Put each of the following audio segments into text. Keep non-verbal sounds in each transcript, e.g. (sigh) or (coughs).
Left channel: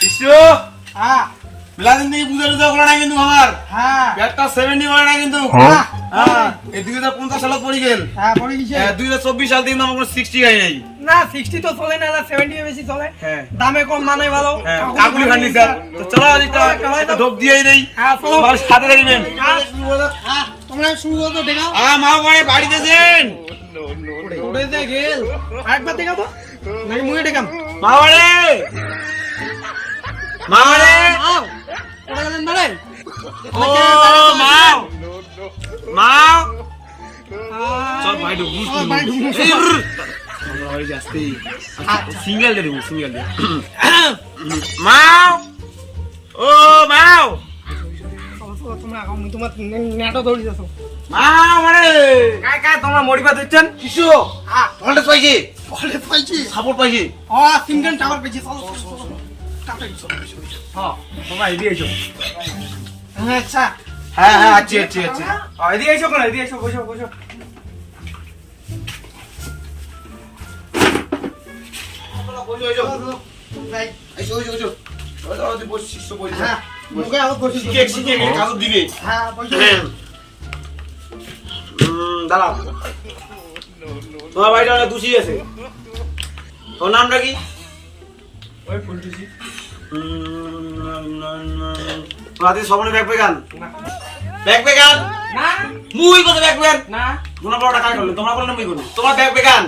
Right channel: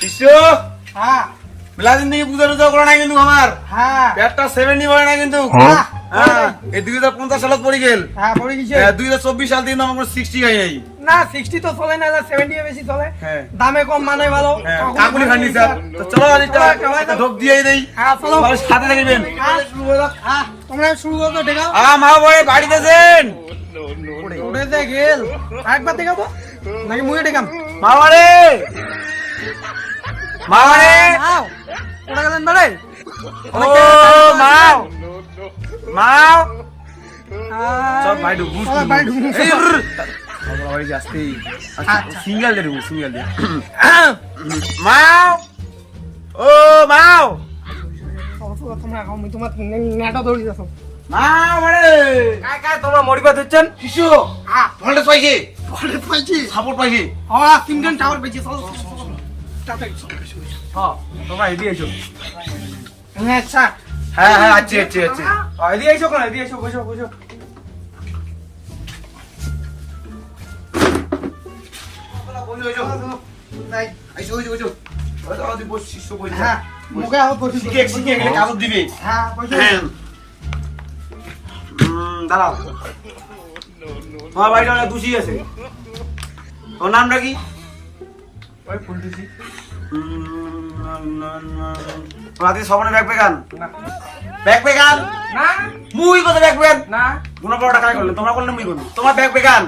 শিষ্য? হ্যাঁ। মিলাদিন থেকে পূজা টুজা করে না হ্যাঁ। হ্যাঁ। কিন্তু আমার হ্যাঁ। ব্যাটটা সেভেন্টি না কিন্তু। এই না সিক্সটি তো চলে হ্যাঁ। দামে কম মানে ভালো। কাকুলি ফার্নিচার তো চলো দিয়ে দেই। সাথে রাখবেন তোমরা শুরু করো তো ঠেকাও আ মা ভাই বাড়িতে আছেন উড়ে যায় গেল আরেকবার ঠেকাবো নাকি মুখে ঠেকাম মা বাড়ি মা বাড়ি নাও ওটা গেলেন বাড়ে? চল ভাই ভাই। বাড়ি আচ্ছা। সিঙ্গেল দে সিঙ্গেল দে মাও ও মাও তোমরা আমি তোমার নেটও দৌড়ি যাচ্ছ মাও মানে কাই কাই তোমরা মরিবা দিচ্ছেন কিছু ভোল্টেজ পাইছি। বলে পাইছি? সাপোর্ট পাইছি। ও সিঙ্গেল টাওয়ার পেয়েছি চলো চলো, চলো। হ্যাঁ তোমরা এদিকে এসো হ্যাঁ আচ্ছা হ্যাঁ হ্যাঁ আচ্ছি আচ্ছি আচ্ছি। এদিকে এসো কেন এদিকে এসো বসো বসো যাই। আইসো আইসো আইসো ওই তো তুই বস শিষ্য বসে হ্যাঁ মুখে আমার বসে শিখে শিখে এখানে কাগজ দিবে। হ্যাঁ দাঁড়াও। তোমার বাড়িটা অনেক দুষি আছে। তোমার নামটা কি? ওই ফুলটুসি। হাতে সবনে ব্যাগ পেগান? ব্যাগ পেগান? না। মুই কথা ব্যাগ পেগান? না। গুনা বড়টা কাজ করলে তোমরা করলে মুই করব। তোমার ব্যাগ পেগান?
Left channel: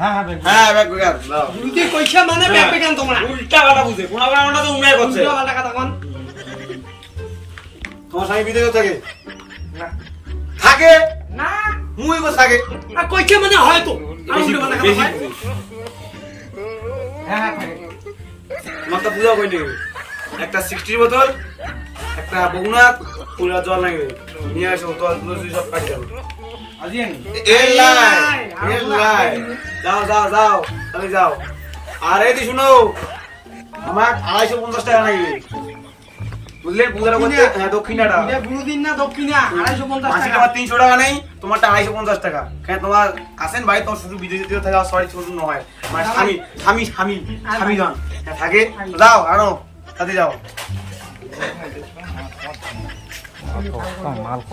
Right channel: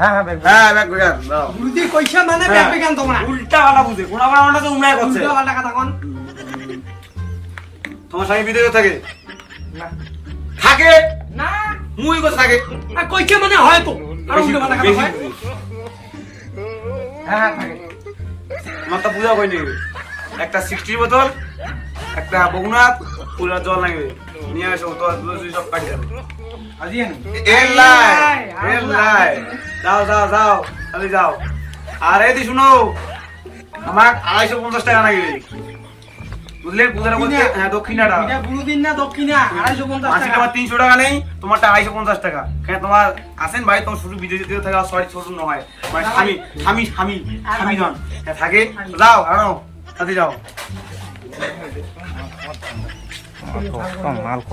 হ্যাঁ হ্যাঁ হ্যাঁ ব্যাগ পেগান বুঝি কইছে মানে ব্যাগ তোমরা। উল্টা পাল্টা বুঝে কোনা বড় আমরা তো উনায় করছে। উল্টা পাল্টা কথা কোন। তোমার স্বামী বিদেশে থাকে? না। থাকে? না। মুই কথা থাকে? আর কইছে মানে হয়তো আর উল্টা পাল্টা কথা হয়। হ্যাঁ হ্যাঁ থাকে। তো বুঝা কইনি একটা সিক্সটির বোতল একটা বগুনাথ পুরা জল লাগবে। নিয়ে আসো তো সব কাটি যাবে। আজি আনি। এর লাই এর লাই যাও যাও যাও তাহলে যাও। আর এদি শুনো আমার আড়াইশো পঞ্চাশ টাকা নাকি বুঝলেন পূজাটা করতে হ্যাঁ দক্ষিণাটা। দিন না দক্ষিণা আড়াইশো পঞ্চাশ মাসিক আমার তিনশো টাকা নেই তোমারটা আড়াইশো পঞ্চাশ টাকা। কেন তোমার আসেন ভাই তোমার শুধু বিদেশে দিয়ে থাকে সরি ছোট নয় মানে স্বামী স্বামী স্বামী স্বামী জন হ্যাঁ, থাকে। যাও আনো সাথে যাও।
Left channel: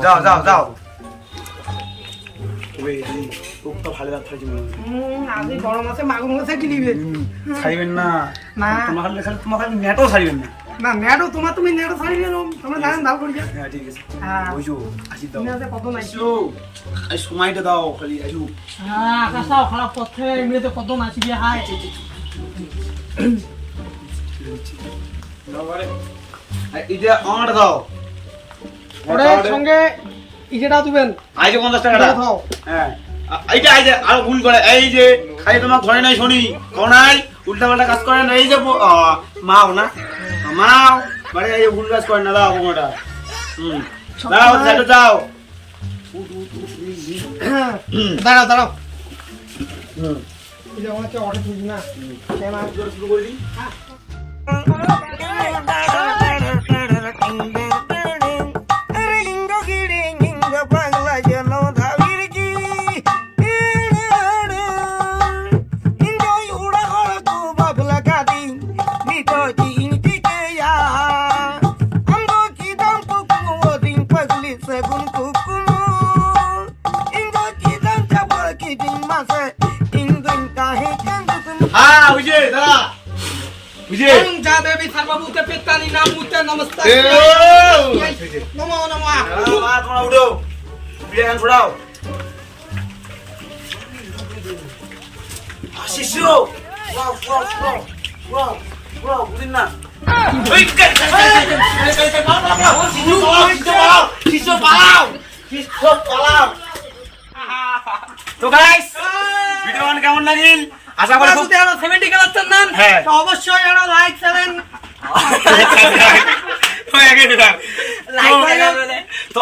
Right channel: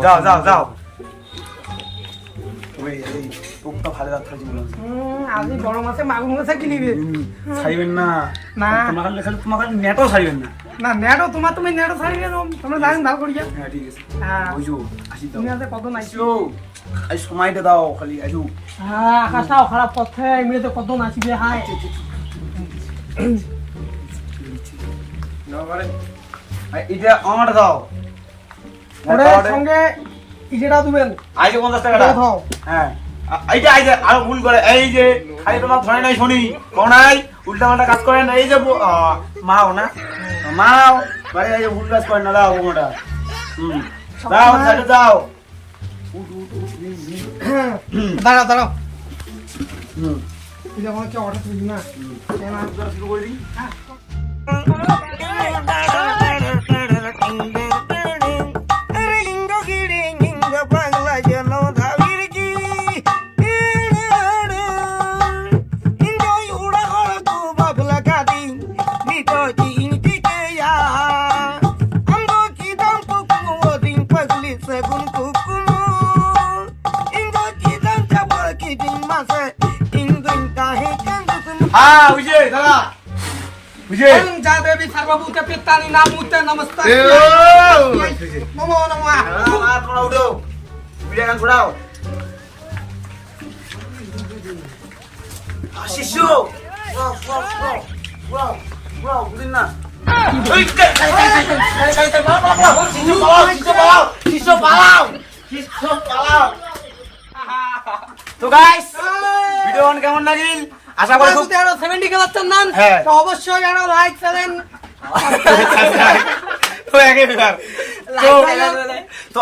যাও যাও যাও এই, মনে হয়। ছাড়িবেন না না। তোমার খালি খালি তোমার খালি নেটও ছাড়িবেন না না নেটো তোমার তুমি নেটো ছাড়ি গেল তোমরা জানেন দাও করিয়া হ্যাঁ ঠিক আছে হ্যাঁ। বুঝো আসি দাও তুমি কত নাই আসো আজ সময়টা দাও খালি আসো হ্যাঁ আকাশটাও খারাপ করছে এমনিতে কত নাচিবে হাই দাও বারে আর এটা আমারটা দাও। ওদের সঙ্গে ইজেটা দিবেন আইজে পঞ্চাশ টাকা দাও। দাও। হ্যাঁ। এইটা আইজে আরও গুণ করে। এই যে খালি তোমার ধরে নাই শুনি। কোন নাই? উল্টা পাল্টা কাজ করে না। এই যে মাও না? মাও? মানে এই ভুল কাজ করে না। দাও ওটা হুম। দাও সাইডে যাও (coughs) দাঁড়াও দাঁড়াও। হুম। এটা মনে হচ্ছে অর্ডার তুলবি না। শুরু করে দিই হ্যাঁ। বুঝে বুঝে যা দেবী সর্বভূতে পিত্তানি নামুতে নমস্তে এ নমো আর তোমরা উঠো বিয়ে গান ছড়াও শিশু না কে কে কে কে কে কে পালাও শিশু পালাও তো গাইস ভিডিও কেমন লাগিল? আশা করি খুব যদি আরও 70 খেলাচ্ছেন নান হ্যাঁ। তো অবশ্যই আরও লাইক করেন। (laughs) হয়ে তো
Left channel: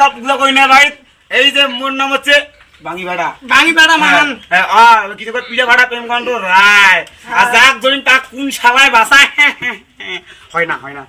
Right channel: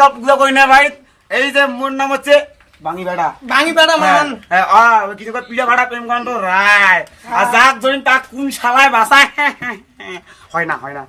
কাপ করি না ভাই এই যে মোর নাম হচ্ছে বাঙি ভাড়া। বাঙি বেড়া মান হ্যাঁ আর কিছু করে ভাড়া প্রেম কাণ্ড রায় আর যাক ধরিন তাক কোন শালায় বাসায়? (laughs) হয় না হয় না।